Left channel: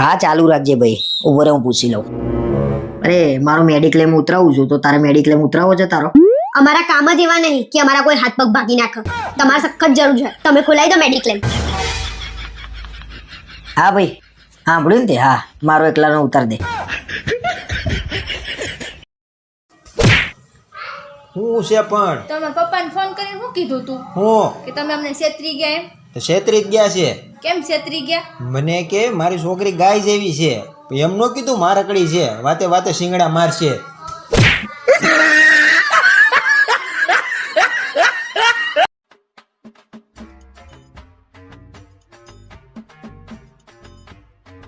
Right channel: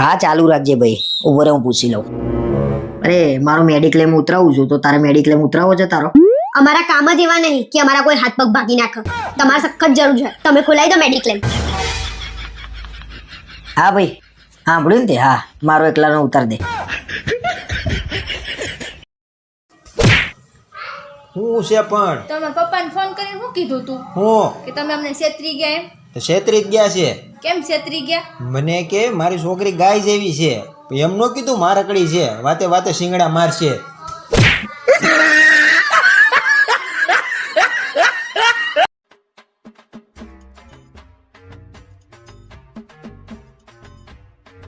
હા ચાલુ રાખજે ભાઈ, ઉભો રહે હું પૂછી લઉં. અરે મારો મેડિક્લેમ ઉતરાવું છું, તો તારે મેડિક્લેમ ઉતરાવો છે તારો? અમારા કામ જ એવા નહીં કે અમારા કોઈ હાથ પગ ભાગી નાખે. તમારે સખત જરૂર છે, તમે ખોલાવી દો મેડિક્લેમ. હા ભાઈ સાંભળ્યું ને તે? હા મારો એકલાનો ઉતાર દે. હું છે પણ તમે પપ્પાને ફોન કરીને શું કીધું તું હું કે તમે અમને છેતરી ગયા એમ? તો છેતરી જ ગયા છે. કેમ છેતરી ગયા? મને કે મારી છોકરી ગાય જેવી છે, એમ નો કીધું મારકડી છે, વાતે વાતે શિંગડા મારશે.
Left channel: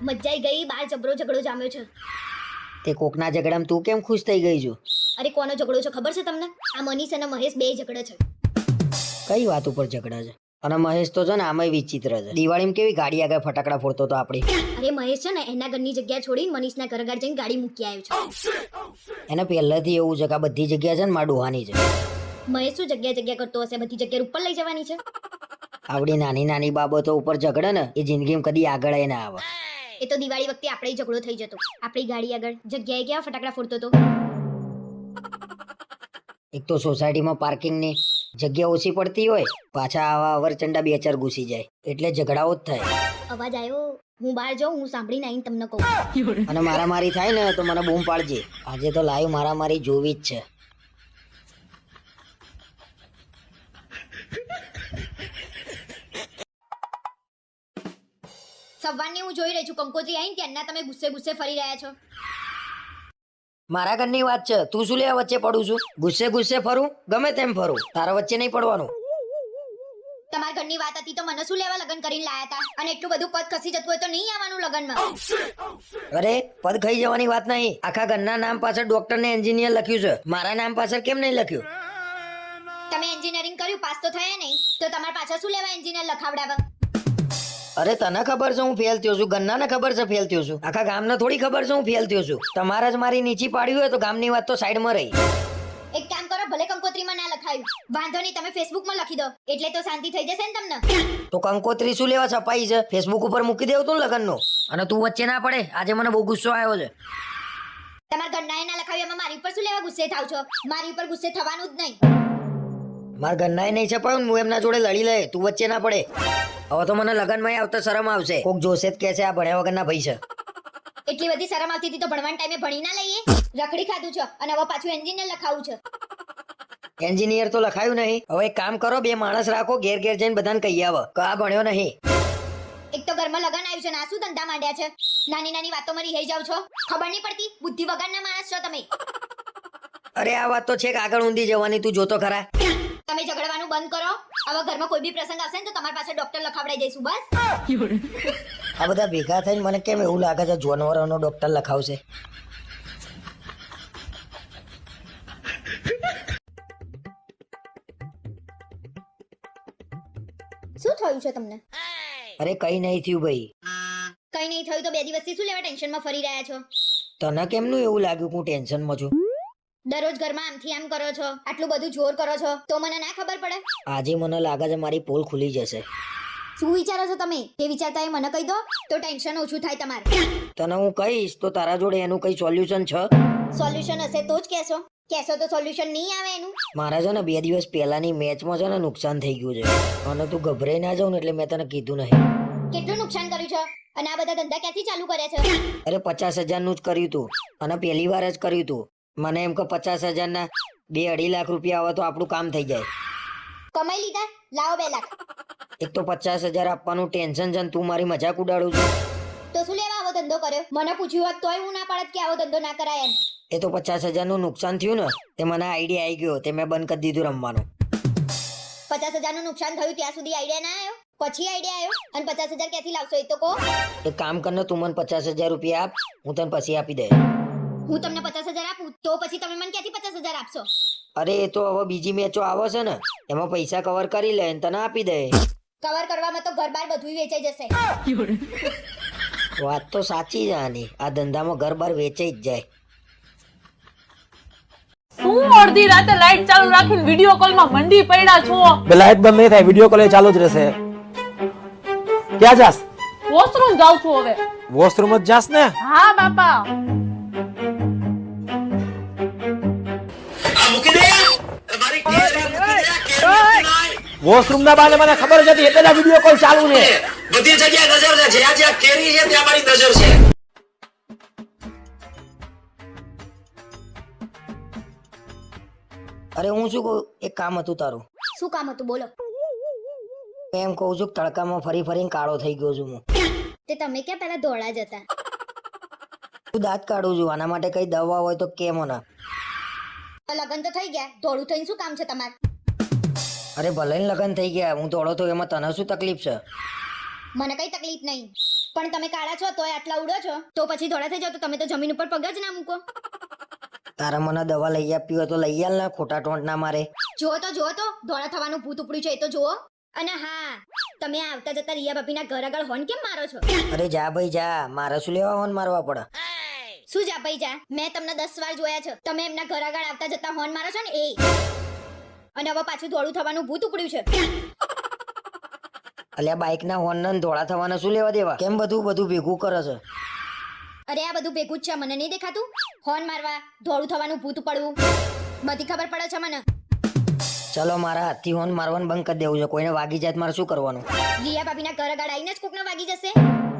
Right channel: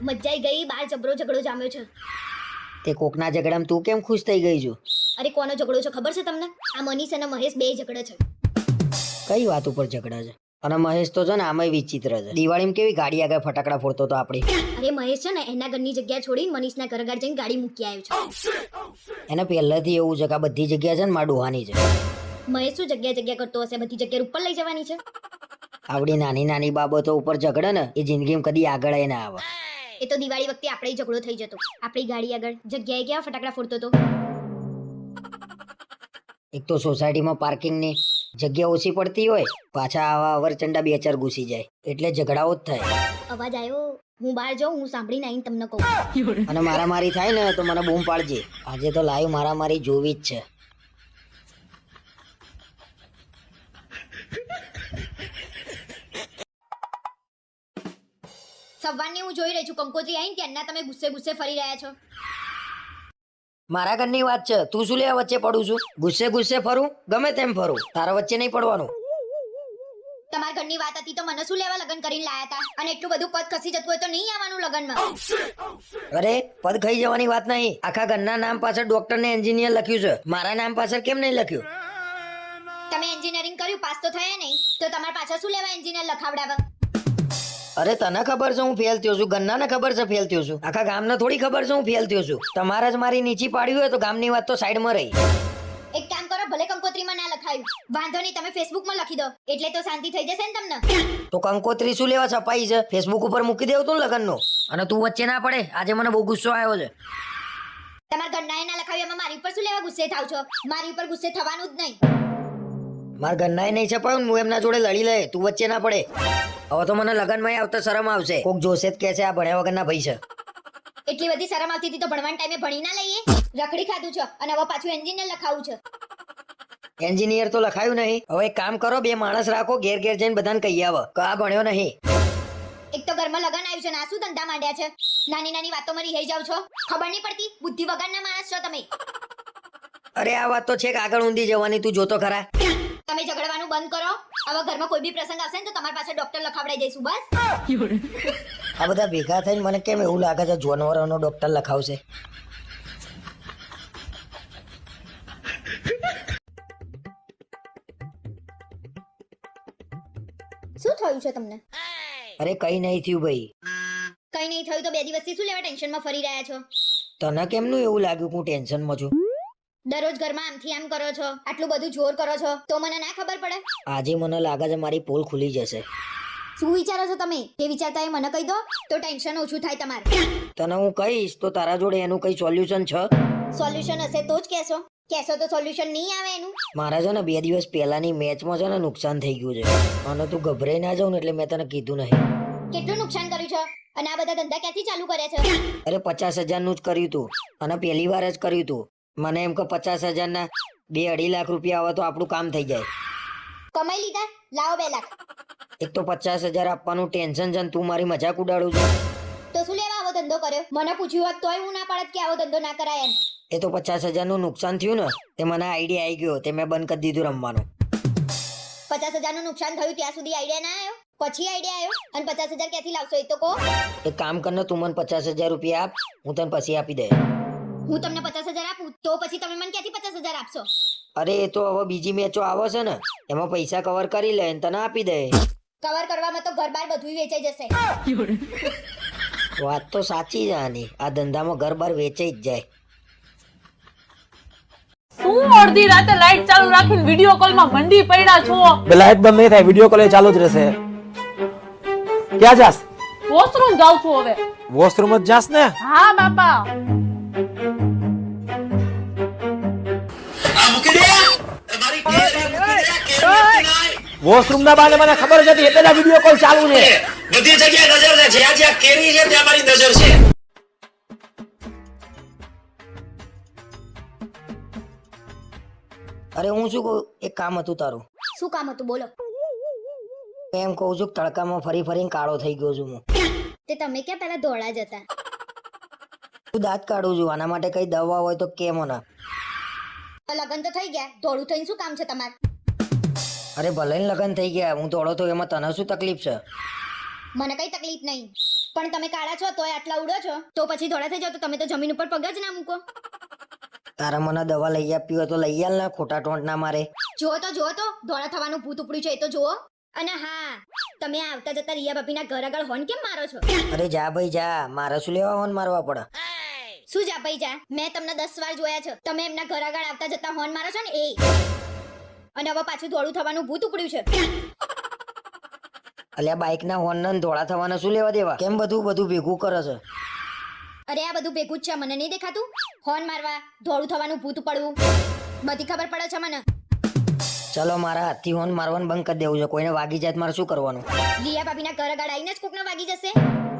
મજાઈ ગઈ, બહાર જબરો ઝઘડો જામ્યો છે. તે કોકના ઝઘડામાં તું કેમ ખુશ થઈ ગઈ છું? અરે કોનો ઝઘડો છે ખબર છે તમને? આ મનીષ અને મહેશ બે ઝઘડે છે. કઈ વાત ઉપર ઝઘડા છે? અરે મહેશ તો છે ને આમાં વિચિત્ર છે. દિવાળીમાં કેવી ગાડી આગળ ફટાકડા ફોડતો તો આપણે. અને મહેશ છે ને એના ઘરની જગ્યા છોડી મનીષના ઘર આગળ જઈને ગાડી મૂકી આવ્યો છે. એને પહેલાથી એવું છે કે આ બધી જગ્યા છે ને માં ડોહાની છે. મહેશ શું જગ્યા કરતો હશે? બધી જગ્યા ઉપર લઈ જવાની છે. આવડી નાની નાની બાબતો ઉપર ઝઘડે ને એ જિંદગીમાં કદી આગળ ના આવે. એ તો દિવાળી વખતે આપણે ઝઘડો થઈ જતો. આપણી ગાડી આગળ જગ્યાએ કેવા ફટાકડા ફોડતો હતો. એક તો સોસાયટીમાં પાર્કિંગની જગ્યા ઓછી પડતી હોય, પાછા આવા અવરચંડા બે ચાર ઘૂસી જાય એટલે ઝઘડાઓ જ થાય. અવાજ આવ્યો, હું બહાર જાઉં, હું સાંભળીને આવીને તમને કહું. અને મારામારી થાય ને તો મને બૂમ પાડજે. આજે તો લાઈવ મારામારી જોવી જ છે. સવારની હું જોઈ રહી છું, કંકોત્રી આવીને ત્યારના તમે ગુસ્સે ગુસ્સે ફરી રહ્યા છો. મારા ઘરની વાત છે, તું શું લેવા વચ્ચે પડું છું? ગુસ્સે ગુસ્સે ફરું, ગમે તેમ ફરું, તારા વચ્ચે નહીં પડવાનું. તમારા ઘરની વાત હતી તો મને શું લેવા લગ્ન કરીને લાયા હતા? અને એટલું બધું પદ ખસી જતું હોય તો નહીં આવવાનું લગ્નમાં. અરે પદ ખાઈ જવાની વાત નહીં. આખા ઘરના નામ પાછળ ડોક્ટર ને એન્જિનિયર લખ્યું છે, મારા નામ પાછળ કેમ નહીં લખ્યું? તમે એન્જિનિયરિંગ કર્યું, પાસ તો થયા નહીં, તો તમારા પાછળ શું લેવા એન્જિનિયર લખાવડાવે? અરે તને ખબર છે હું ફેલ થયો છું, ગન્નાને ખબર છે ફેલ થયો છું, આખા ગામને થોડી ખબર છે હું ફેલ થયો છું. તમારે જ મારી નીચી પાડ્યું હોય તો ગામની વાત તો સાઈડમાં રહી. એક કામ કરો, ભલે કંકોત્રીમાં ના લખાયું, વાંધો નહીં, તમે ફેસબુકમાં લખી દો, એટલે તો શાંતિ થઈ જશે ને તમને. તો કંકોત્રી શું લેવા છપાઈ છે? ફેસબુક ઉપર મૂકી દેવું તો લગનનું. અને તું વચ્ચે ના પડે, આજે મને બહુ ગુસ્સો આવ્યો છે. તમારા ઘરનાએ ના લખાવ્યું, એમાં મારી ઉપર શું લેવા ગુસ્સે થાવ છો? મારી ઉપર ગુસ્સે થવાનું જ નહીં. મારા ઘરનાએ નહીં છપાયું, હું એમના જોડે લડી લે, તું વચ્ચે ના પડે. હવે તો મને લગનમાં આવતા શરમ આવશે. કોક જોશે જ કે છે આ ભણ્યા વગરના ભાઈ છે. એટલી બધી શરમ આવતી હતી તો ભણવાના ટાઈમે ભણી ના લઈએ? રખડી ખાધું છે અને હવે પાછું એન્જિનિયર લખાવું છે. એન્જિનિયર તો લખાયું નહીં. હવે એક કામ કરો, બે માણસ રાખો, ઘેર ઘેર જઈને બધાને કહી આવો કે આ ભણ્યો નહીં. એક તો ઘરમાં લગન આવ્યું છે ને આ શું ધંધા માંડ્યા છે? નાની નાની વાતોમાં રીહાઈ જાવ છો, ખબર નહીં પડતી? બુદ્ધિ વગરના માણસ છો તમે. અરે આ વાત તો છે કે આગળ ઊંધી જવાની, તું જોતો ખરા. તમે ઝઘડવાનું બંધ કરો. હવે ઘરમાં કોઈ બી પ્રસંગ આવશે ને તો તમારી પાસે ડોક્ટર લખાવડાઈ દઈશું, બસ. આ બધા ભેગા થઈને મને કેમ એવું લાગે છે જાનવરોનો ડોક્ટર લખાવશે. શું થયું છે તમને? અરે કઈ નહીં થયું ભાઈ. કઈ નહીં થયું તો બે દિવસથી શું લેવા ટેન્શનમાં ફરી રહ્યા છો? તને કેમનું એવું લાગ્યું કે હું ટેન્શનમાં છું? દરરોજ ઘરમાં આમથી આમ કરો છો, આટલું બધું જોર કરો છો તો મને ના ખબર પડે? આજે મને લાગે છે મારી પોલ ખુલી જશે. શું વિચારો છો તમે? એ વિચારતા મને કહી દો તો ટેન્શન ઓછું થાય તમારે. તને હું કહીશ તો તારા જોડે એનું કઈ સોલ્યુશન છે? સોલ્યુશન હશે તો જ કહેશો તો સોલ્યુશન નહીં આવે એનું. મારા છે ને 2 દિવસ પહેલાની મેચમાં છે ને નુકસાન થઈ ગયું છે. મને તું ગભરાઈ ના જાવ ને એટલે મેં તને કીધું નહીં. કેટલું નુકસાન કર્યું છે? અને આ બધા ધંધા ક્યાંથી ચાલુ કર્યા છે? અરે 50,000 નું જ કર્યું તું અને પહેલી વાર જ કર્યું તું. મને એમ કે 50,000 ના 2-2.5 લાખ રૂપિયા આવે તો આપણું કામ થઈ જાય. કમાઈ લીધા, લાવો 2 લાખ. એક તો 50,000 આપવાનું ટેન્શન છે, તું મારી મજાક ઉડાડું છું. તો શું લેવા આવો ધંધો કર્યો? મને પૂછ્યું હોત તોય હું ના પાડત કે આવો ધંધો ના કરાય એમ. એ તો 50,000 નું નુકસાન થયું ને તે મને આઈડિયા આવી ગયો, તે મેં બંધ કરી દીધું રમવાનું. 50,000 નું નુકસાન થયું ત્યાં સુધી આઈડિયા ના આવ્યો? પછી આઈડિયા આવ્યો? અને 50,000 ક્યાંથી લાવશો એ તો કહો. એક કામ કર ને, તું મને 50,000 રૂપિયા આપ, હું તને પછી આપી દે. હું તમને 50,000 આપું? એમાં પૈસા કવર કરી લે તને આપી દે. કવર કરવામાં તો ઘર બાર બધું વેચાઈ જશે. વાત તો સાચી છે આની. આ ધંધામાં ઘર બાર વેચાઈ જ જાય. હું અડધી રાતે લાઈટ ચાલુ રાખીને વિડિયો કોલમાં મંડી પડ્યા છો. લાઈટ બંધ નહીં થાય, વિડીયો કોલ ચાલુ જ રહેશે. ક્યાં જાસ? વોશરૂમ જાઉં છું હવે. વોશરૂમ જ જાસ ને? હા બાપા. વોશરૂમ ના બાને મને ખબર જ હતી એટલે વિડિયો કોલ ચાલુ છે. બધી જગ્યાએ નજર છે, જ્યાં જ્યાં કેરી છે ત્યાં મારી નજર છે. અરે હું શું કહું, એક કામ હતું તારું. શું કામ હતું બોલો. એમ કહું છું કે તડકામાં ફરી ફરીને કાળો થઈ ગયો છું હું. તે તમે ક્યાં પહેલા દોડા જતા. દાંત કાઢું છું, આના માટે કઈ દવા હોય તો કે મને. લગન તો થઈ ગયા, ધોળું થઈને શું કામ છે તમારે. અરે ભલે ને લગન થઈ ગયા, હું ધોળો તો એમાં તને શું તકલીફ છે? મને કઈ તકલીફ નહીં, પણ તમે કાળા છો તોય આટલા ઉડો છો, તો પછી ધોળા થઈ જાવ તો તમે તો જમીન ઉપર પગ જ ના મૂકો. તારા મને દવા લઈ આપી હોય તો લઈ આલ ને, ખોટા ટોંટ ના મારે. જુઓ તો ધોળા થવાનું ભૂત ઉપડ્યું છે એ તો જુઓ. અને હા, તમે આવતા જતા રિયા ભાભીના ઘર આગળ હોર્ન કેમ મારો છો. અરે જા ભાઈ જા, મારે શું લેવા હોન મારવા પડે? શું જા ભાઈ જા, મેં તમને 10 વાર જોયા છે, તમે એમના ઘર આગળ આવતા જતા હોર્ન મારો છો ને એ. અને હવે પાછું ધોળું થવાનું ભૂત ઉપડ્યું છે. અલ્યા બાઈક ના હોર્ન ને ધોળા થવાના શું લેવા દેવા? કેમ બધું ભેગું કરે છે? અરે આ બધું ભેગું જ છે, મને નહીં દેખાતું. હોર્ન મારવા, ધોળું થવાનું ભૂત ઉપડવું, બધી ખબર પડે છે મને. ચલો મારા હાથથી હોર્ન મારવાનું બંધ કરી દેવું છે, કોઈને વાગી જાય તો મારે શું કરવાનું? રિયા ભાભીના ઘર આગળ આવીને જ કોકને વાગી જશે,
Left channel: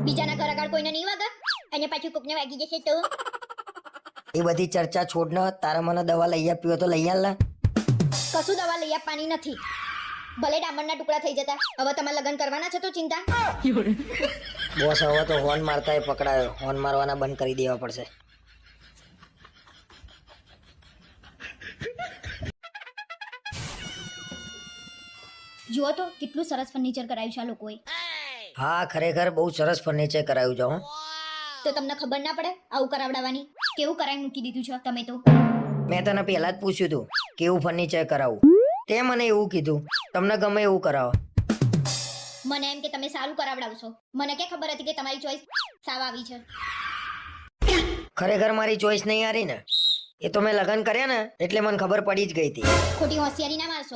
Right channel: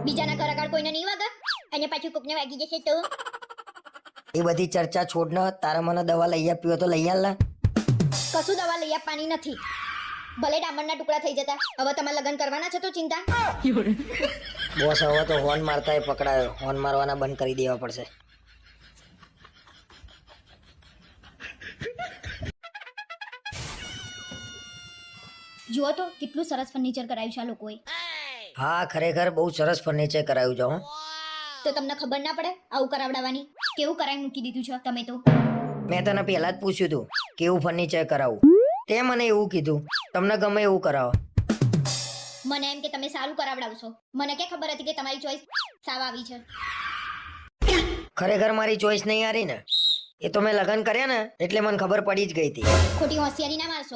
બીજાના ઘર આગળ કોઈને નહીં વાગે, અને પાછું કોકને વાગી જશે તો. એ બધી ચર્ચા છોડ ને, તારા મને દવા લઈ આપી હોય તો લઈ આલ ને. કશું દવા લઈ આપવાની નથી, ભલે ડામરના ટુકડા થઈ જતા. હવે તમારે લગ્ન કરવાના છે તો ચિંતા. બોસ હવે તો હોર્ન મારતા પકડાયો, હોર્ન મારવાના બંધ કરી દેવા પડશે. જુઓ તો કેટલું સરસ ફર્નિચર કરાવ્યું છે આ લોકોએ. હા ખરેખર બહુ સરસ ફર્નિચર કરાવ્યું છે હો. તો તમને ખબર ના પડે આવું કરાવડાવવાની? કેવું કરાવી મૂકી દીધું છે તમે તો. મેં તને પહેલા જ પૂછ્યું હતું કેવું ફર્નિચર કરાવું, તે મને એવું કીધું તમને ગમે એવું કરાવો. મને એમ કે તમે સારું કરાવડાવશો, મને ક્યાં ખબર હતી કે તમારી ચોઈસ સાવ આવી છે. ખરેખર મારી ચોઈસ નહીં હારી ને, એ તો મેં લગ્ન કર્યા ને એટલે મને ખબર પડી જ ગઈ હતી. ખોટી હોશિયારી ના મારશો,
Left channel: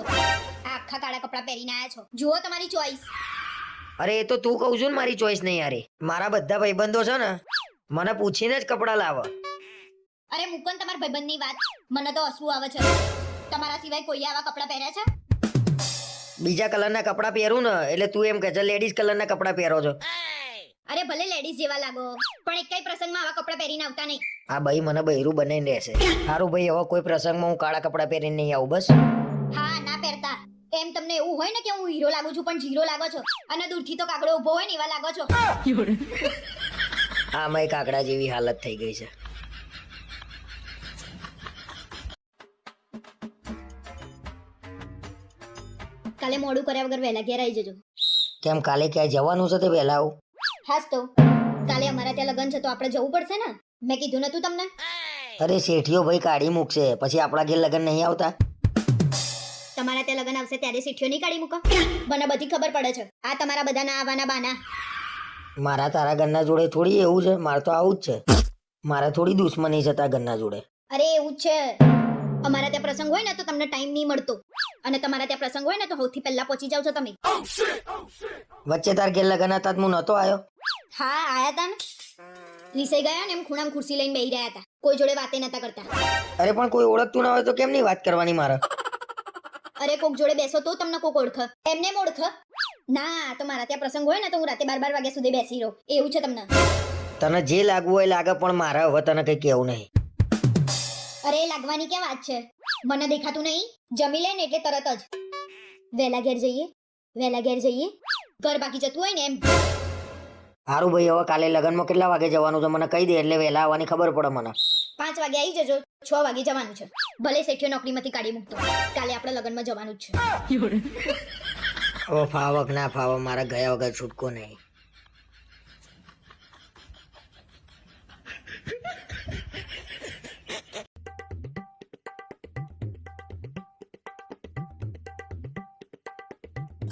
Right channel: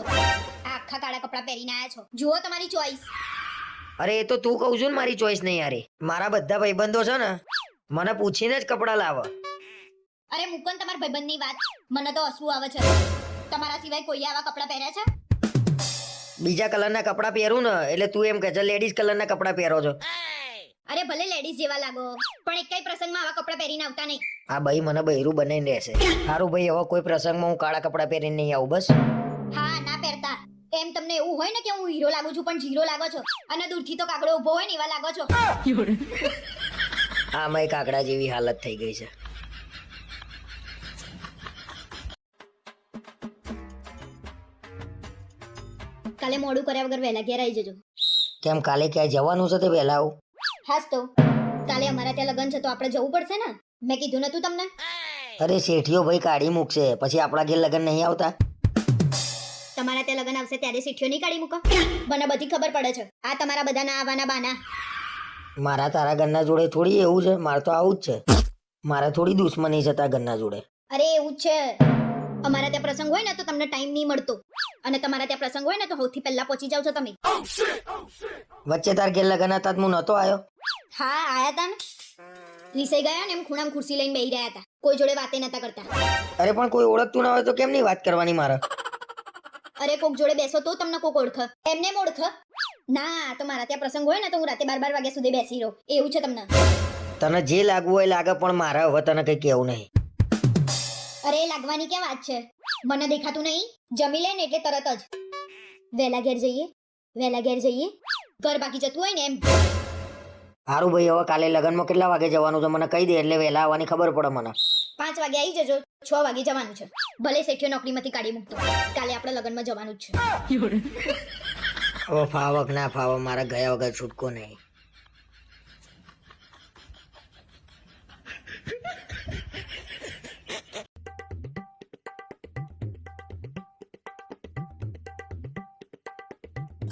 આખા કાળા કપડા પહેરીને આયા છો, જુઓ તમારી ચોઈસ. અરે એ તો તું કહું છું ને મારી ચોઈસ નહીં હારી. મારા બધા ભાઈબંધો છે ને મને પૂછીને જ કપડાં લાવે. અરે મૂકો ને તમારા ભાઈબંધની વાત, મને તો હસવું આવે છે. તમારા સિવાય કોઈ આવા કપડા પહેર્યા છે? બીજા કલરના કપડાં પહેરું ને એટલે તું એમ કે છે લેડીઝ કલરના કપડાં પહેરો છો. અરે ભલે લેડીઝ જેવા લાગો, પણ એક કઈ પ્રસંગમાં આવા કપડા પહેરીને આવતા નહીં. આ ભાઈ મને બૈરું બનાવીને રહેશે. સારું ભાઈ, હવે કોઈ પ્રસંગમાં હું કાળા કપડાં પહેરીને નહીં આવું બસ. હા ના પહેરતા. એમ તમને એવું હોય ને કે હું હીરો લાગુ છું પણ જીરો લાગો છો, અને દૂરથી તો કાગડો ઉભો હોય ને એવા લાગો છો. આમાંય કાગડા જેવી હાલત થઈ ગઈ છે. કાલે મોડું કર્યા વગર વહેલા ઘેર આવી જજો. કેમ કાલે ક્યાંય જવાનું છે તે વહેલા આવું? હાસ તો કાલે અમારા ત્યાં લગન છે તો આપણે જવું પડશે ને. મેં કીધું નતું તમને? અરે શેઠિયો ભાઈ કાઢી મૂકશે, પછી આપણા ઘેર લગન નહીં આવતા. તમારા ત્યાં લગન આવશે ત્યારે શેઠિયો નહીં કાઢી મૂકો? મને બધી ખબર પડે છે. આ તમારા બધાના આવવાના બાના. મારા તારા ઘરના જોડે થોડી એવું છે, મારે તો આવું જ છે. મારે થોડી દુશ્મની છે તારા ઘરના જોડે. અરે એવું જ છે. અમારા ત્યાં પ્રસંગ હોય ને તો તમને ટાઈમ નહીં મળતો, અને તમારા ત્યાં પ્રસંગ હોય ને તો સૌથી પહેલા પહોંચી જાવ છો તમે. વચ્ચે તાર ઘેર લગન હતા હું નતો આવ્યો. હા આયા હતા ને, રીસાઈ ગયા ને એમ ખૂણામાં ખુરશી લઈને બેહી રહ્યા હતા, કોઈ જોડે વાતે નતા કરતા. અરે પણ કોઈ ઓળખતું ના હોય તો કેમ ની વાત કરવાની મારે? અરે કોક જોડે બેસો તો તમને કોક ઓળખે. ના તો મારા ત્યાં પ્રસંગ હોય ને તો હું રાતે 12 વાગ્યા સુધી બેસી રહું, એવું છે તમને. તને જે લાગવું હોય લાગે, પણ મારા હવે તને કઈ કેવું નહીં. અરે લાગવાની ક્યાં વાત છે, મને દેખાતું નહીં. જમી લે ને એટલે તરત જ વહેલા ઘેર જઈએ, વહેલા ઘેર જઈએ. ઘર બાકી જતું હોય ને એમ. સારું ભાઈ, હવે કાલે લગનમાં કેટલા વાગે જવાનું છે મને કહી દે એટલે વહેલા આવવાની ખબર પડે મને. 5 વાગે આવી જજો, 6 વાગે જવાનું છે. ભલે શેઠિયો નોકરીમાંથી કાઢી મૂકતો, કાલે આપણે લગનમાં જવાનું જ છે. હવે ફાવક ના ફાવક, મારા ગયા વગર છૂટકો નહીં.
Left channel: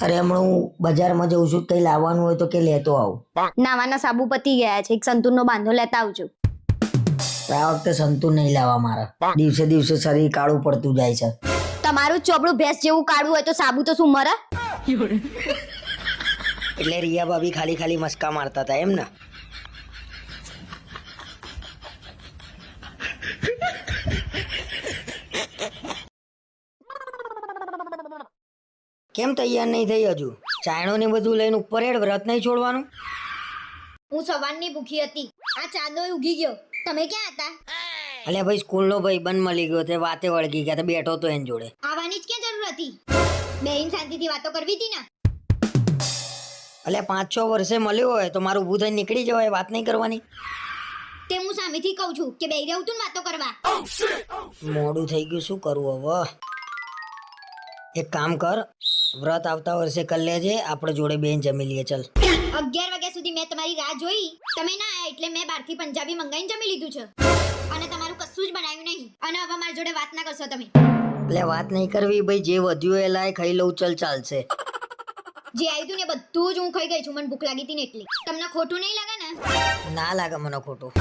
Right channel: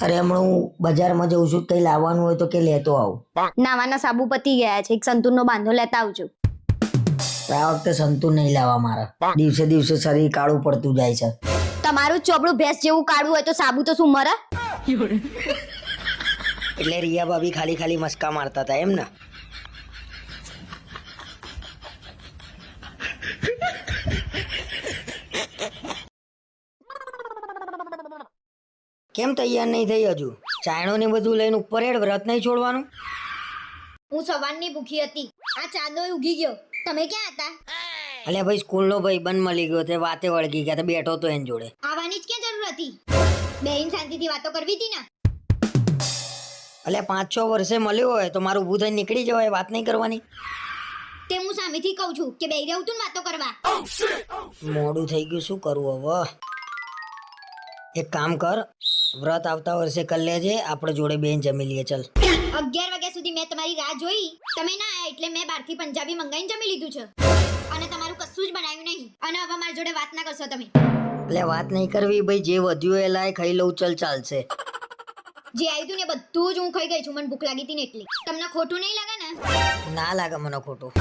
અરે હમણાં હું બજારમાં જઉં છું, કઈ લાવવાનું હોય તો કે લેતો આવું. નાવાના સાબુ પતી ગયા છે, એક સંતુરનો બાંધો લેતા આવજો. આ વખતે સંતુર નહીં લાવવા મારા, દિવસે દિવસે શરીર કાળું પડતું જાય છે. તમારું ચોપડું ભેંસ જેવું કાઢવું હોય તો સાબુ તો શું મરે? એટલે રિયા ભાભી ખાલી ખાલી મસ્કા મારતા હતા એમ ને? કેમ તૈયાર નહીં થઈ હજુ? ચાયણો ને બધું લઈને ઉપર હેડ, વ્રત નહીં છોડવાનું? હું સવારની ભૂખી હતી, આ ચાંદો ઉગી ગયો. તમે ક્યાં હતા? અલ્યા ભાઈ, સ્કૂલનો ભાઈ બંધ મળી ગયો તે વાતે વળગી ગયા, તે બેઠો તો એની જોડે. આવવાની જ ક્યાં જરૂર હતી? બેન શાંતિથી વાતો કરવી હતી ને. અલ્યા 5-6 વર્ષે મળ્યો હોય તો મારું ઊભું થઈને નીકળી જવાય, વાત નહીં કરવાની. તે હું સામેથી કહું છું કે બેહી રહું તું ને વાતો કરવા. મોડું થઈ ગયું, શું કરવું હવે? એક કામ કર, વ્રત આવતા વર્ષે કરી લેજે, આપણે જોડે બેન જમી લઈએ. ચલ 11 વાગ્યા સુધી મેં તમારી રાહ જોઈ, તમે ના આયા એટલે મેં બહારથી પંજાબી મંગાઈને જમી લીધું છે. અને તમારું કશું જ બનાવ્યું નહીં. અને હવે મારી જોડે વાત ના કરશો તમે. એટલે વાત નહીં કરવી ભાઈ, જે વધ્યું એ લાય ખાઈ લઉં, ચલ ચાલશે. જે આવ્યું તું ને બધું જ હું ખાઈ ગઈ છું, મને ભૂખ લાગી હતી ને એટલે. તમને ખોટું નહીં લાગે ને? ના લાગે મને ખોટું.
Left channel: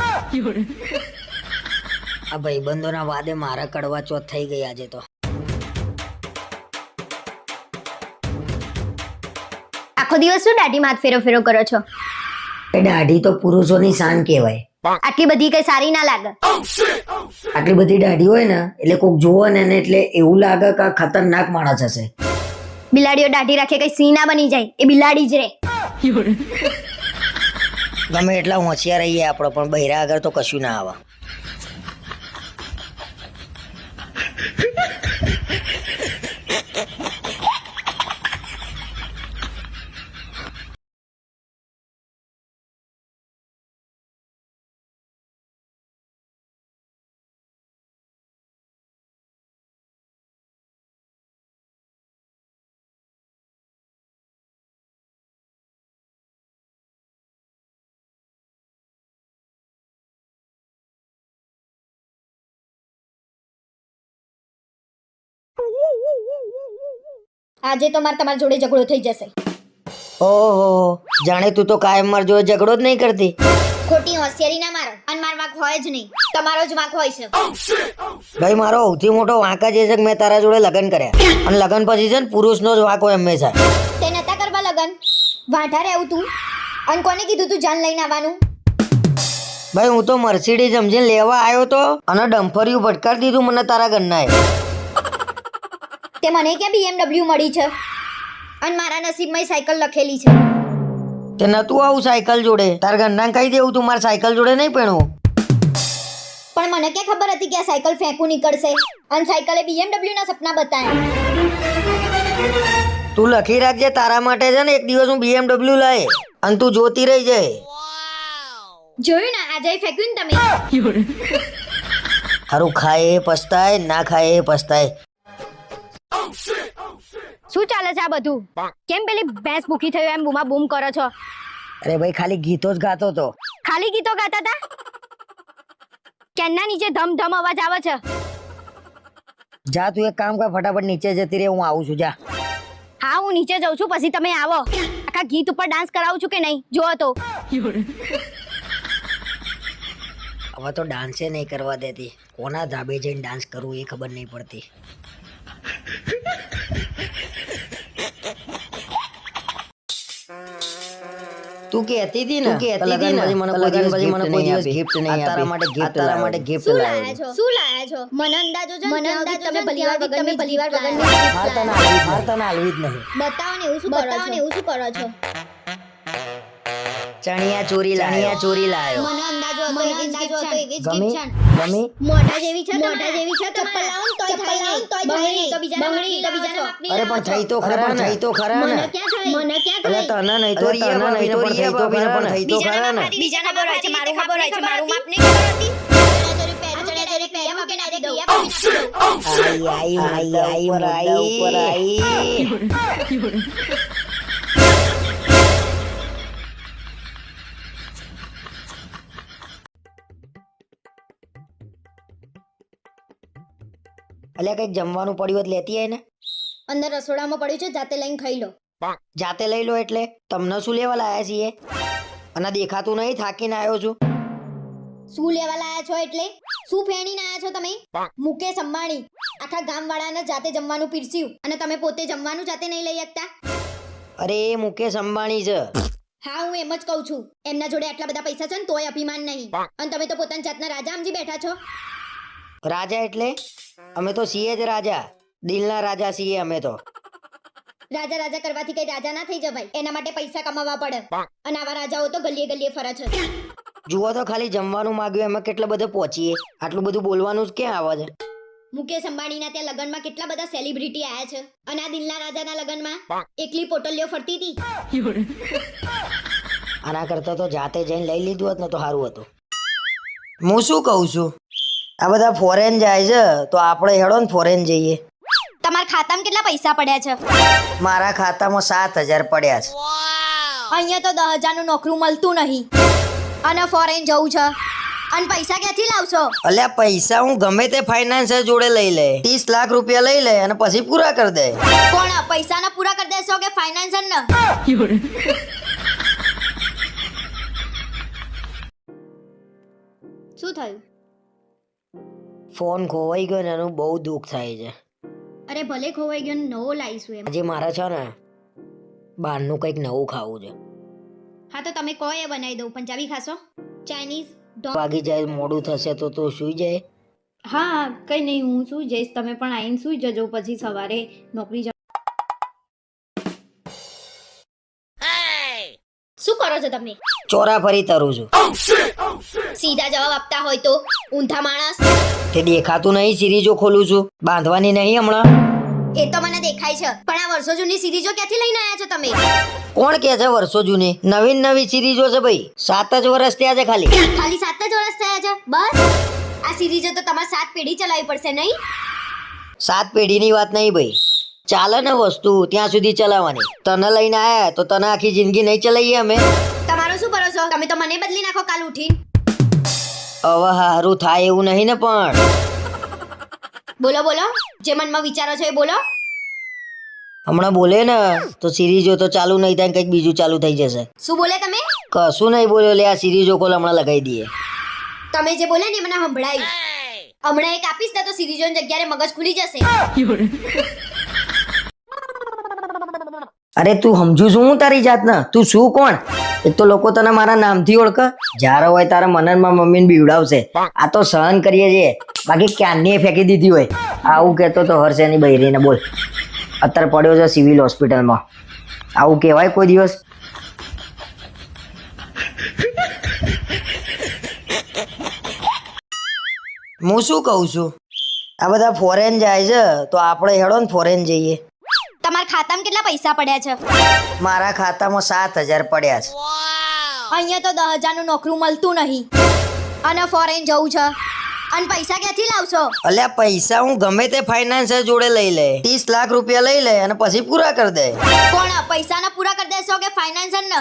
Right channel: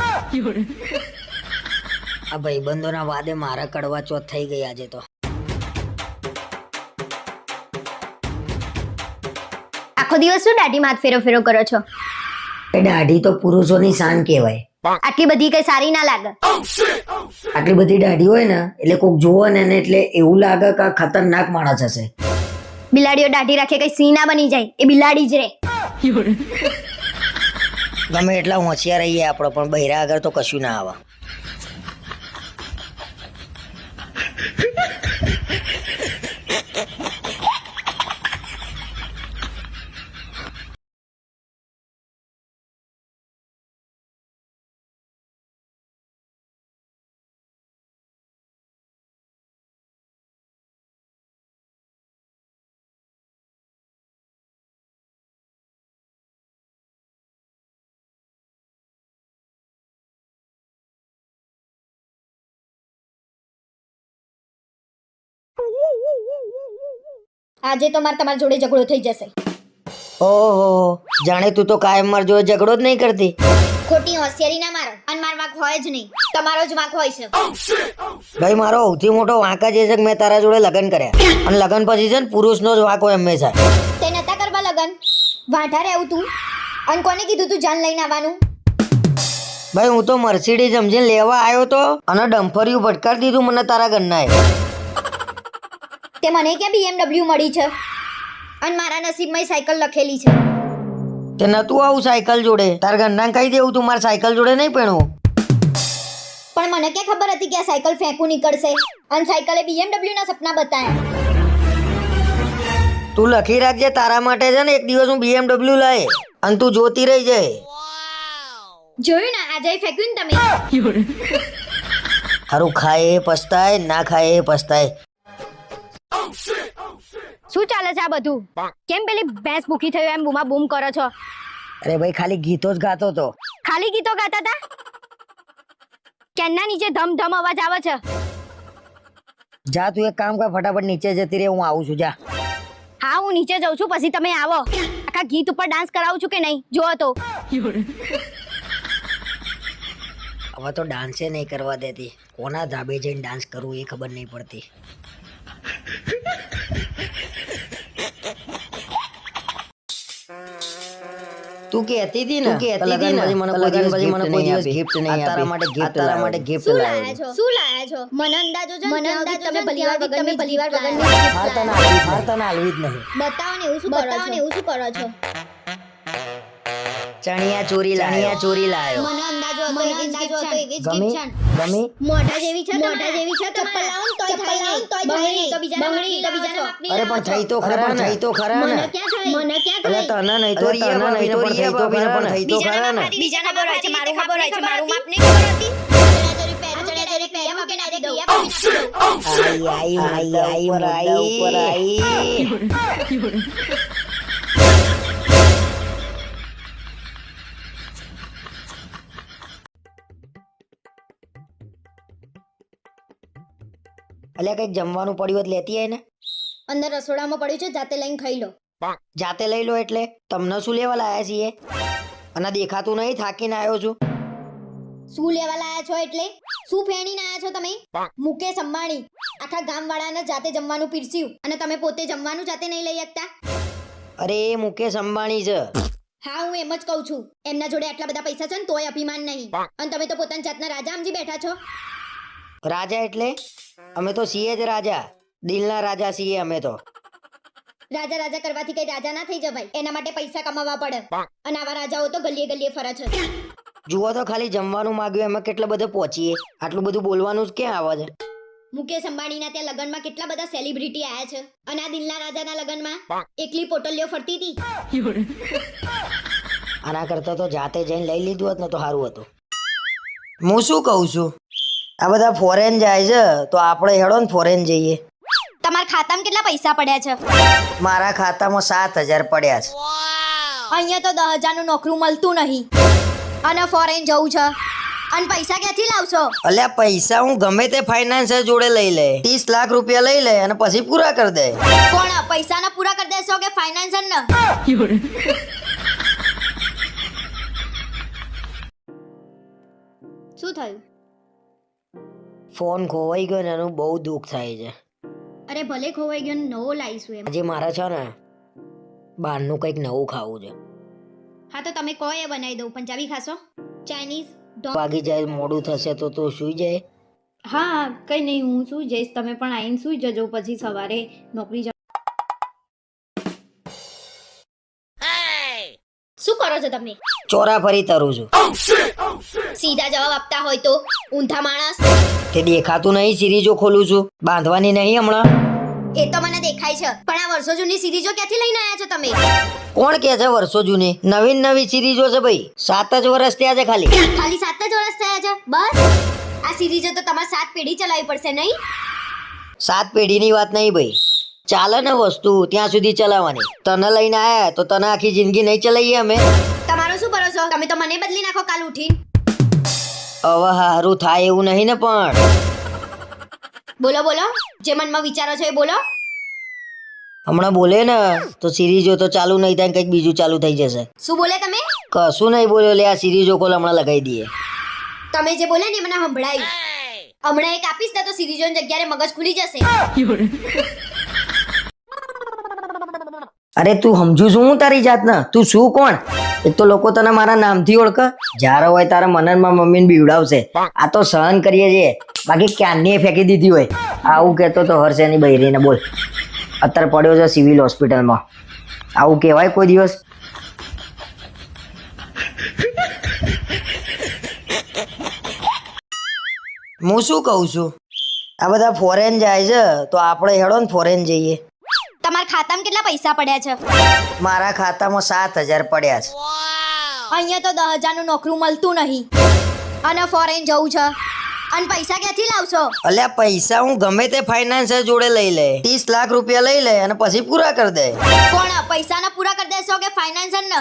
આ ભાઈબંધોના વાદે મારા કડવા ચોથ થઈ ગઈ આજે તો. આખો દિવસ શું દાઢીમાં હાથ ફેરો ફેરો કરો છો? એ દાઢી તો પુરુષોની શાન કહેવાય. આટલી બધી કઈ સારી ના લાગે. આટલી બધી દાઢી હોય ને એટલે કોક જોવે ને એને એટલે એવું લાગે કે આ ખતરનાક માણસ હશે. બિલાડીઓ દાઢી રાખે કઈ સિંહ ના બની જાય, એ બિલાડી જ રે. ગમે એટલા હોશિયાર રહીએ આપણે, પણ બૈરા આગળ તો કશું ના આવે. આજે તો મારે તમારી જોડે ઝઘડો થઈ જશે. ઓહો, જાણે તું તો કાયમ માર જોડે ઝઘડો જ નહીં કરતી. ખોટી હોશિયારી ના મારો, અને મારો વાંક હોય જ નહીં, તમારો જ વાંક હોય છે. ભાઈ મારો સૌથી મોટો વાંક જ એ છે કે મેં તારા જોડે લગ્ન કર્યા, અને લગ્ન પછી છે ને પુરુષનો જ વાંક હોય હંમેશા. તે નતા કરવા લગન, વાંઢા રહેવું તું. અને કોને કીધું તું જાન લઈને આવવાનું? ભાઈ હું તો મર્સિડીઝ સમજીને લેવા આવ્યો તો, અને ડમ્ફરિયું ભટકાડી દીધું મને તારા ઘરનાએ. તે મને ક્યાં BMW મળી છે? અને મારા નસીબમાં સાયકલ લખેલી છે. તે નતું આવું સાયકલ જોડે, તારા ઘરના કહી દેવું તું મારા સાયકલ જોડે નહીં પહેણવું. પણ મને ક્યાં ખબર હતી કે આ સાયકલ ફેંકું નીકળશે, અને સાયકલે BMW ના સપના બતાવ્યા. તું લખી રાખજે, તારા માટે છે ને એક દિવસ હું BMW લાય, અને તું જોતી રહી જાય. જોયું ને, આજે ફેંક્યું ને તમે. હારું ખાય એ પસ્તાય, ના ખાય એ પસ્તાય. શું ચાલે છે આ બધું? કેમ પેલી ભેંસ ભૂખી થયો એમ બૂમા બૂમ કરો છો? અરે ભાઈ ખાલી ગીતો જ ગાતો તો. ખાલી ગીતો ગાતા હતા? કેનના નીચે ધમ ધમ અવાજ આવે છે. જા તું એક કામ કર, ફટાફટ નીચે જતી રહે, હું આવું છું. જા. હા હું નીચે જાઉં છું, પછી તમે આવો. આખા ગીત ઉપર ડાન્સ કરાવું છું કે નહીં જો તો. હવે તો ડાન્સે નહીં કરવા દેતી, કોના ધાબે જઈને ડાન્સ કરવું એ ખબર નહીં પડતી. તું કહેતી હતી ને કે લગન પછી મને કોઈ દિવસ ગિફ્ટ નહીં આપી. તારા માટે ગિફ્ટ લાવ્યો છું. શું લાયા છો? મને અંદાજો છે, મને અંદાજો તમે ભલીવાર વગરની માર તને હાલવી જ નહીં. બતાવો ને એવું શું કરો છો? ચણિયા ચોરી લાયો. મને અંદાજો હતો એવી જ gift છે. ગમી મોઢા જેવી છે ચપ્પલ લાવો ને તોય થાય નહીં. બંગડી તો બીજાના માપની અરે પણ થઈ તો ખરા ને. મને ક્યાં થાય? અરે તને નહીં તો રિયા ભાભીને પણ થઈ તો ખરા ને. બીજાના ખબર હોય છે, મારું માપ નહીં ખબર હતી. ચણિયાચોરી પહેર્યું કે ડાયરેક્ટ દૈયા ઉપર આઈ. અલ્યા કઈક જમવાનું પડ્યું હોય તો લેતી આય ને. અંદર રસોડામાં પડ્યું છે, જાતે લઈને ખાઈ લો. જાતે લઈ લો એટલે તમને શું લેવા લાયા છીએ? અને દેખાતું નહીં, થાકીને આવ્યો છું. શું લેવા લાયા છો એટલે? શું ફેણીને આયા છો તમે? મુકેશ અંબાણી આખા ગામવાળાને જાતે જમવાનું પીરસ્યું, અને તમે પોતે જમવાનું જાતે નહીં લઈ શકતા? અરે એ મુકેશ અંબાણી છે. હા હું એમ જ કહું છું, એમના જોડે આટલા બધા પૈસા છે ને તોય અભિમાન નહીં, અને તમે તો પોતાની જાતના રાજા સમજી બેઠા છો. રાજા એટલે અમે તો છીએ જ રાજા, દિલના રાજા છીએ અમે તો. રાજા રાજા કરવાથી કઈ રાજા ના થઈ જવાય. એના માટે પૈસા કમાવા પડે. અને આવા રાજાઓ તો ગલીએ ગલીએ ફરે છે. જુઓ તો ખાલી જમવાનું માંગ્યું એમાં કેટલા બધા પહોંચીએ. આટલું બધું બોલવાનું જ ક્યાં આવે છે? મુકેશ અંબાણીના ત્યાં લગનમાં કેટલા બધા સેલિબ્રિટી આયા છે. અને આ દિલના રાજાના લગનમાં એકલી પોટલીઓ ફરતી હતી. આના કરતા તો જાતે જઈને લઈ લીધું હોત ને તો સારું હતું. હું શું કહું છું, આ બધા ફોરેન જાય છે તો આપણે હેડો ને ફોરેન જઈએ. તમારા ખાતામાં કેટલા પૈસા પડ્યા છે? મારા ખાતામાં 7,000 પડ્યા છે. અહીંયા તો 10,000 નું નોકરું મળતું નહીં. અને ફોરેન જવું છે. અને પૈસા ક્યાંથી લાવશો? અલ્યા પૈસા હું ગમે તે ફાઇનાન્સર જોડે લઈ લે. 30 લાખ રૂપિયા લઈ લે અને પછી પૂરા કરી દે. કોણ પૈસાના પૂરા કરી દેશો કે ફાઇનાન્સર ને? શું થયું? ફોન ખોવાઈ ગયો ને એનું બહુ દુઃખ થાય છે. અરે ભલે ખોવાઈ ગયો ને નવો લાવીશું એમ. આજે મારે છે ને બહારનું કંઈક નવું ખાવું છે. હા તો તમે કહો એ બનાવી દઉં. પંજાબી ખાશો? ચાઇનીઝ? વાગી જાય મોડું થશે તો તું સુઈ જાય. હા કઈ નહીં, હું સુઈ જઈશ. તમે પણ આવીને સુઈ જજો, પછી સવારે નોકરી જાઓ. શું કરો છો તમે? ચોરાફરી તરું છું. સીધા જવાબ આપતા હોય તો ઊંધા માણસ. તે દેખાતું નહીં સિરીજો ખોલું છું, બાંધવાની નહીં હમણાં. એ તો મને દેખાય છે, પણ આ વર્ષો જૂની સિરીઝો ક્યાંથી લઈને આવ્યા છો તમે? કોણ કે છે વર્ષો જૂની? નવી સિરીજો છે ભાઈ. 7 જ વર્ષ થયા છે ખાલી. ખાલી 7 જ વર્ષ થયા છે બસ? આ સિરીઝો તો તમારે 7 પેઢી ચલાવવી પડશે નહીં? 7 પેઢીની વાત નહીં ભાઈ. ચાલે ને વસ્તુ ત્યાં સુધી ચલાવવાની. તને લઈને આયા તો તને આખી જિંદગી નહીં ચલાવીએ અમે. તમારો શું ભરોસો? તમે તો મને બદલી નાખો કાલ ઉઠીને. હવે હારું થાય એવું નહીં ને પણ. બોલો બોલો, જે મનમાં વિચારો છો એ બોલો. હમણાં બોલે ને તો સિરીજો તો ચાલુ નહીં થાય, કંઈક બીજું ચાલુ થઈ જશે. શું બોલે તમે? કશું નહીં બોલ્યો લે. આ સિરીજો કોલ હમણાં લગાવી દઈએ. તમે જે બોલે ને એ મને સંભળાયું. હમણાં એક આપીશ ને તો સિરીઝોની જગ્યાએ મગજ ખુલી જશે. અરે તું સમજુ છું હું તારી જાતના? તું શું કોણ? એક તો લોકો તને મારા નામથી ઓળખે. જ્યારે હોય તારા મનનમાં મમ્મીને બીવડાવશે. આ તો સહન કરીએ છીએ, બાકી ક્યારની ફેંકી દીધી હોય. આવું કહેતો તો હર્ષેની બૈરીને બોલ. અત્યારે પડ્યો છે સિવિલ હોસ્પિટલમાં. આવું કહેવાય કોઈ દિવસ? હું શું કહું છું, આ બધા ફોરેન જાય છે તો આપણે હેડો ને ફોરેન જઈએ. તમારા ખાતામાં કેટલા પૈસા પડ્યા છે? મારા ખાતામાં 7,000 પડ્યા છે. અહીંયા તો 10,000 નું નોકરું મળતું નહીં. અને ફોરેન જવું છે. અને પૈસા ક્યાંથી લાવશો? અલ્યા પૈસા હું ગમે તે ફાઇનાન્સર જોડે લઈ લે. 30 લાખ રૂપિયા લઈ લે અને પછી પૂરા કરી દે. કોણ પૈસાના પૂરા કરી દેશો કે ફાઇનાન્સર ને?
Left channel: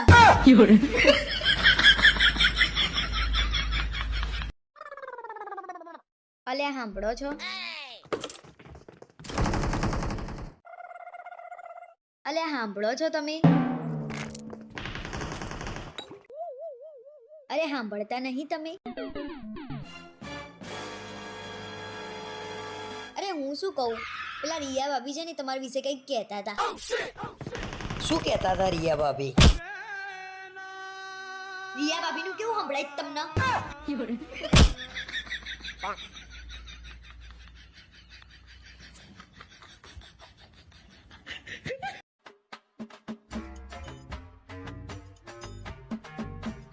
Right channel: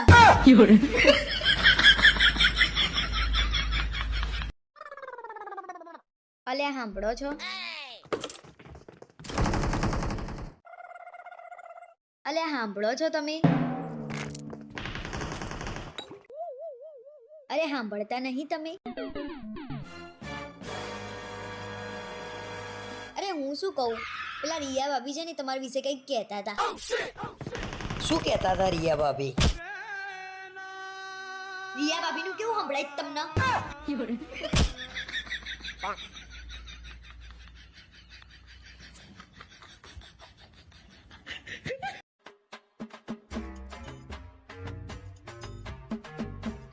અલ્યા સાંભળો છો? અલ્યા સાંભળો છો તમે? અરે સાંભળતા નહીં તમે? અરે હું શું કહું, પેલા રિયા ભાભી છે ને તમારા વિશે કંઈક કહેતા હતા. શું કહેતા હતા રિયા ભાભી? રિયા ભાભી નું કેવું સંભળાય તમને?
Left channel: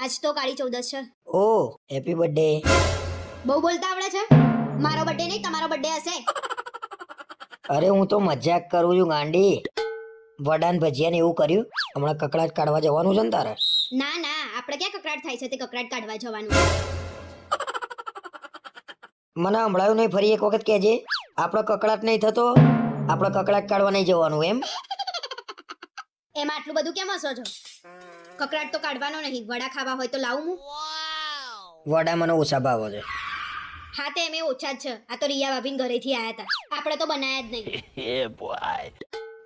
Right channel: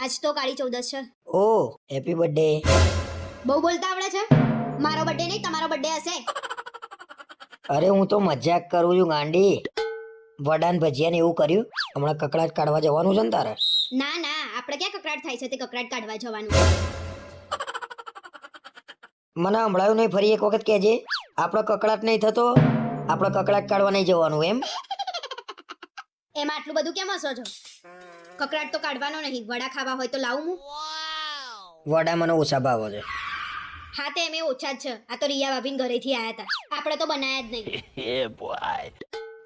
આજ તો કાળી ચૌદસ છે. ઓ હેપી બર્થડે. બહુ બોલતા આવડે છે? મારો બર્થડે નહીં તમારો બર્થડે હશે. અરે હું તો મજાક કરું છું ગાંડી. વડાન ભજીયા ને એવું કર્યું? હમણાં કકડાટ કાઢવા જવાનું છે ને તારે? ના ના, આપણે ક્યાં કકડાટ થાય છે તે કકડાટ કાઢવા જવાનું. મને હમણાં નહીં, ફરી એક વખત કહેજે. આપણો કકડાટ નહીં થતો, આપણે કકડાટ કાઢવા નહીં જવાનું એમ? એમાં આટલું બધું કેમ હસો છો? કકડાટ તો કાઢવાનો નહીં. વડા ખાવા હોય તો લાવું હું? વડા મને ઓછા ભાવે છે. હા તે એમે ઓછા જ છે. આ તો રિયા ભાભીન ઘરેથી આયા હતા. આપણે તો બનાયા જ નહીં.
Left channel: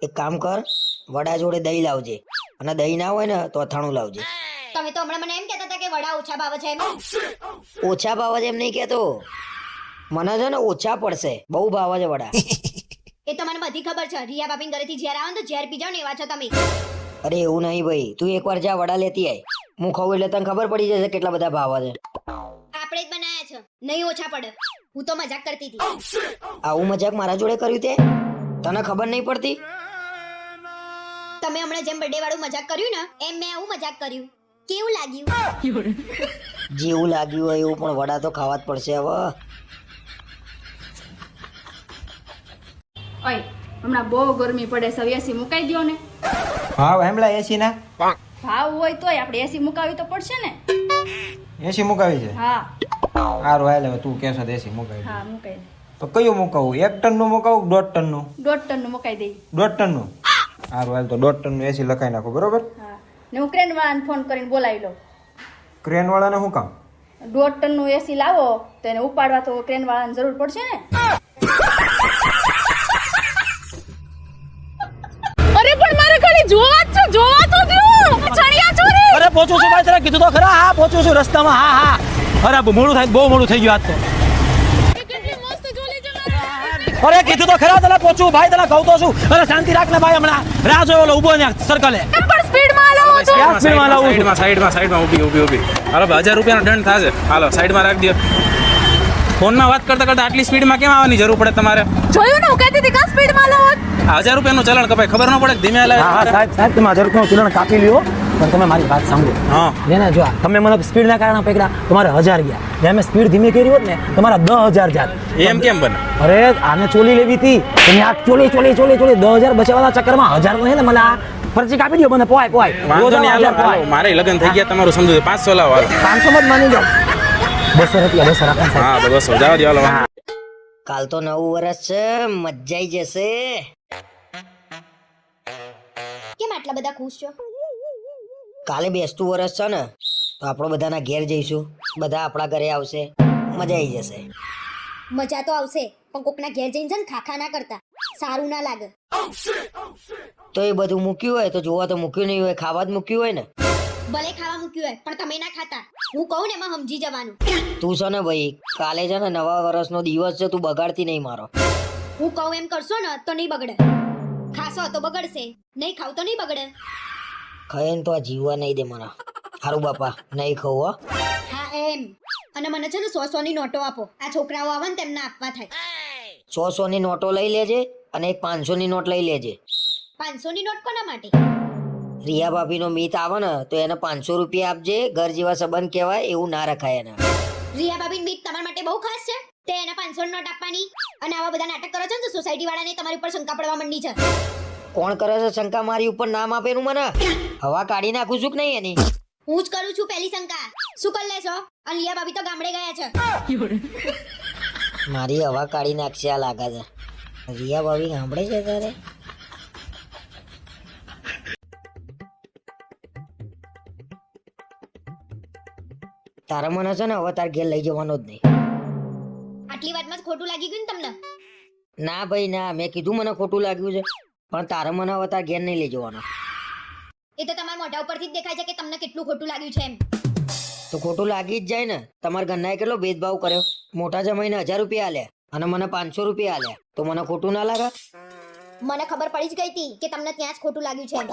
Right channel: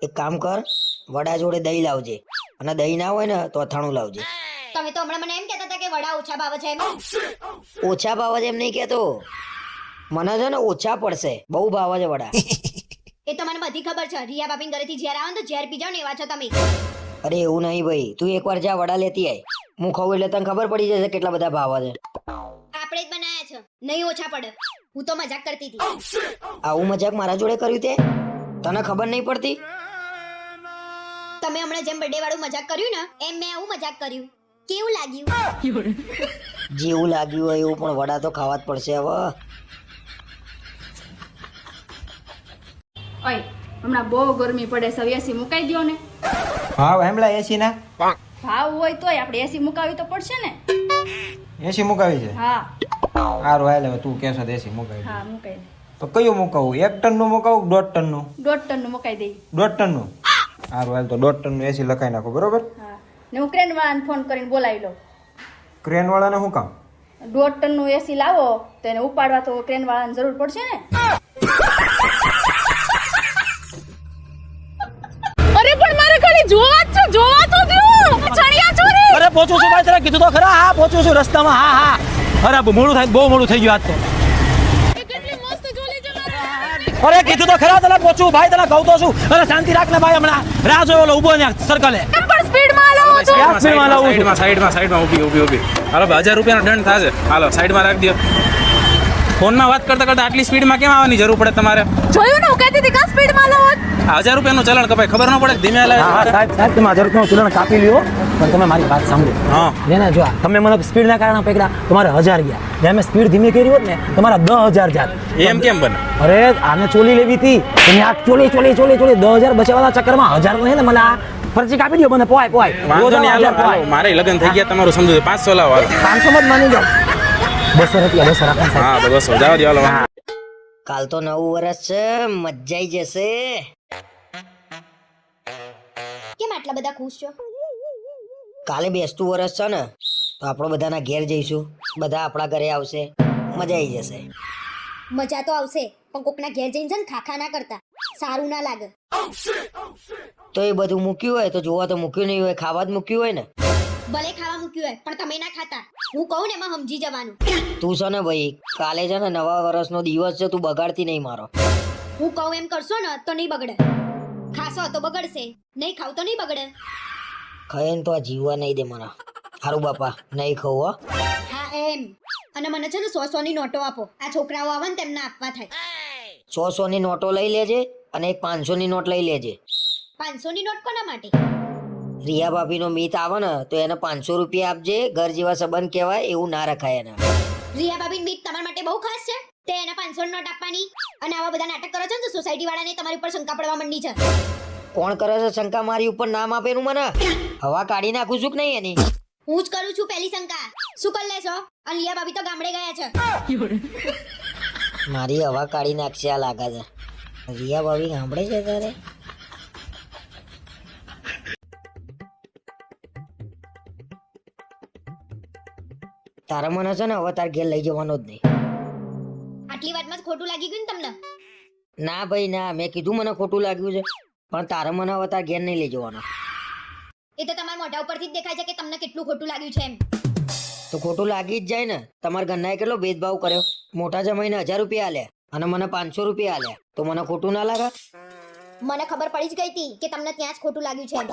એક કામ કર, વડા જોડે દહીં લાવજે. અને દહીં ના હોય ને તો અથાણું લાવજે. તમે તો હમણાં મને એમ કહેતા હતા કે વડા ઓછા ભાવે છે એમ. ઓછા ભાવે છે એમ નહીં કહેતો. મને છે ને ઓછા પડશે, બહુ ભાવે છે વડા. એ તો મને બધી ખબર છે. રિયા ભાભીન ઘરેથી ઝેર આવે ને તો ઝેર પી જાવ ને એવા છો તમે. અરે એવું નહીં ભાઈ, તું એકવાર જા વડા લેતી આય. હું ખાઉં એટલે તને ખબર પડી જશે કેટલા બધા ભાવે છે. આપણે જ બનાયા છે, નહીં ઓછા પડે. હું તો મજાક કરતી હતી. આવું મજાક મારા જોડે કર્યું તે? તને ખબર નહીં પડતી? તમે હમણાં જેમ બર્થડે વાળું મજાક કર્યું ને એમ મેં આવું મજાક કર્યું. કેવું લાગ્યું? જેવું લાગ્યું હોય એવું, પણ વડા તો ખાવા જ પડશે હવે. ઓય હમણાં બહુ ગરમી પડે છે, એસી મુકાઈ દ્યો ને. હા હેમલા એસી ના ભાવ હોય તોય આપણે એસી મુકાવી તો પડશે ને. એસી મુકાવી છે. હા સારું હાલ, હવે તું કહેશો એસી મુકાવી હા મુકાઈ દે. તો કયું મુકાવું? 1 ટનનું મુકાવું 1.5 ટનનું? 1.5 ટનનું મુકાઈ દઈ. 1.5 ટનનું? સારું હાલ, તો 1.5 ટનનું એસી લખાઈ નાખો, બરોબર? હા ને હું ક્રેન વાળાને ફોન કરીને બોલાવી લઉં. ક્રેન વાળાને શું કામ? 1.5 ટનનું એસી લાવો તો એને ઉપાડવા તો ક્રેન વાળાને જરૂર પડશે ને. અરે પણ મારે ખાલી જોવા તો દો. ચણિયા ચોરી. અરે પહોંચું છું ભાઈ, તને કીધું તો ખરા. હા પહોંચું છું રસ્તામાં. હા હા ખરાબ મોડું થાય, બહુ મોડું થઈ ગયું આજ તો. કેટલી મસ્ત જોલી છે મારા. અરે કીધું તો ખરા, તને પહોંચું ભાઈ, તને કહું તો છું. અરે શાંતિ રાખ ને ભાઈ, હમણાં રાહ જોયો ઓલો ઊભો ને સર્કલે. પણ સ્પીડમાં લાવો તો. સાઈડમાં ઊભી. હાલો 1000 રૂપિયાનો દંડ થશે. હાલો સાઈડમાં રાખી દો. ફોનમાં વાત કરતા આટલી સ્પીડમાં કેમ આવવાની જરૂર પડે તમારે? જોયું ને હું કહેતી હતી કે સ્પીડમાં લાવો. 1000 રૂપિયાનું ચલાણ કપાય, ખબર ન પડે? ધીમે હલાવે. સાહેબ તમે 1000 રૂપિયાનું ચલાણ કાપી લ્યો, પણ તમે મારી વાત સાંભળો. હા જો તમે મને સ્પીડ ના કારણે પકડા, તમારે 1000 ગયા. મેં સ્પીડ ધીમી કરી હોત ને તમારે 10000 જાય. એમ કેમ બને? અરે આને ચોલી લેવી હતી, તમે આ ચોલી 10000 બચાવવાના ચક્કરમાં 1000 નો છે ને મને આ ફરજી કાપી દો. મને પોય વાંધો નહીં, હાલો મારે લગ્ન થઈ ગયા, તમારું સમજુ 500 લાવો. 500 જ માની જાઓ. 200 રૂપિયા 200 રાખો. હા તો 200 જાવ દે. હાલો કાલ તો નવું વર્ષ છે, મજા આવી જશે. કેમ આટલા બધા ખુશ છો? કાલે બેસતું વર્ષ છે ને, તો આપણો બધાના ઘેર જઈશું, બધા આપણા ઘરે આવશે, મજા આવી જશે. મજા તો આવશે પણ કોકના ઘેર જઈને છે ને ખાખા ના કરતા, સારું ના લાગે. તો એ બધું મૂક્યું હોય તો જોવા તો મૂક્યું નહીં હોય, ખાવા જ મૂક્યું હોય ને. ભલે ખાવા મૂક્યું હોય પણ તમે ના ખાતા. હું કહું ને એમાં સમજી જવાનું. તું છે ને ભાઈ, કાલે છે ને નવા વર્ષનો દિવસ છે, તું બગાડતી નહીં મારો. હું કહું એમ કરશો ને તો નહીં બગડે. ખાશો તો બગડશે, નહીં ખાવ તો નહીં બગડે. ખાઈને તો આ જીવવા નહીં દે મને. સારું બાપા, નહીં ખાવું હો. હા એમ. અને મને છે ને 100 ની નોટો આપો. આ છોકરાઓ આવે ને તેમને આપવા થાય. 600 ની નોટો લઈ લેજે અને એક 500 ની નોટ લઈ લેજે. 500 ની નોટ કોના માટે? રિયા ભાભી નો મીત આવે ને તો એને 500 રૂપિયા આપજે. ઘર જેવા સંબંધ કહેવાય એવું ના રખાય એને. રિયા બાબીન બીટ તમારા માટે બહુ ખાસ છે. તે એને 500 ની નોટ આપવાની અને આવા બધા નાટક કરો છો ને તો સોસાયટી વાળાને તમારી ઉપર શંકા પડવા માંડી છે. કોણ કરે છે શંકા મારી ઉપર? નામ આપેલું મને. હવા કાઢી નાખું છું કે નહીં એની? હું જ કરું છું પહેલી શંકા. શું કરી લેશો? અને રિયા બાબી તો ગામડે ગયા છે. મારી હવા કાઢી નાખશે આ લાગે છે. રિયા ભાભી સાંભળે છે તારે? તારે મને છે ને હવે તાર ઘેર લઈ જવાનો જ નહીં. આટલી વાતમાં જ ખોટું લાગી ગયું ને તમને? ના ભાઈ ના, મેં કીધું મને ખોટું લાગ્યું છે, પણ તારે મને હવે તાર ઘેર નહીં લઈ જવાનો. એ તો તમારા મોઢા ઉપરથી જ દેખાય છે કે તમને કેટલું ખોટું લાગ્યું છે એમ. તો ખોટું લાગી જ જાય ને. તમારા ઘરનાએ કેટલો ભેદભાવ કર્યો. મોટા જમાઈને 1000 રૂપિયા આલ્યા અને મને 500 રૂપિયા આલ્યા, તો મને ખોટું ના લાગે? મને ખબર પડી જ ગઈ હતી કે તમને ત્યાં જ ખોટું લાગ્યું છે એમ.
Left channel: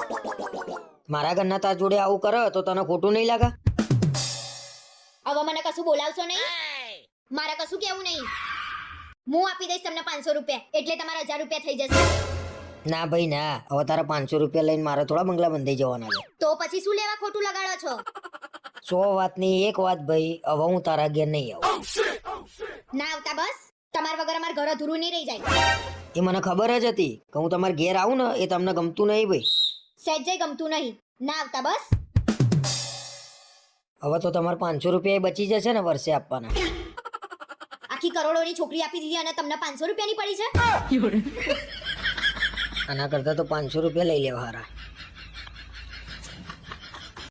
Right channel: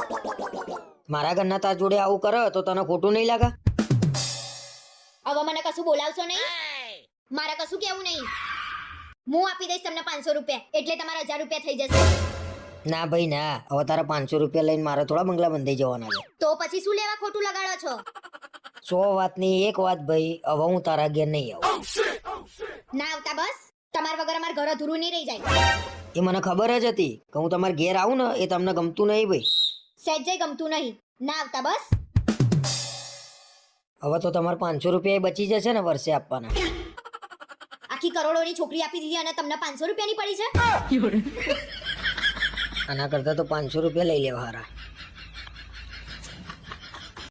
મારા ઘરના તાર જોડે આવું કરે તો તને ખોટું નહીં લાગે? હવે મને કશું બોલાવશો નહીં. મારે કશું કેવું નહીં. હું આપી દઈશ તમને 500 રૂપિયા, એટલે તમારા 1000 રૂપિયા થઈ જશે. ના ભાઈ ના, હવે તારા 500 રૂપિયા લઈને મારે થોડા બંગલા બંધાઈ જવાના છે. તો પછી શું લેવા ખોટું લગાડો છો? 100 વાતની એક વાત ભાઈ, હવે હું તારા ઘેર નહીં આવું. ના આવતા બસ. તમારા વગર અમાર ઘર અધૂરું નહીં રહી જાય. એ મને ખબર જ હતી કે હું તમારા ઘેર આવું ને એ તમને ગમતું નહીં ભાઈ. સહેજે ગમતું નહીં. ના આવતા બસ. હવે તો તમારે 500 રૂપિયા બચી જશે ને વર્ષે આપવાના. આખી કરોડોની છોકરી આપી દીધી અને તમને 500 રૂપિયાની પડી છે. આના કરતા તો 500 રૂપિયા લઈ લેવા હારા.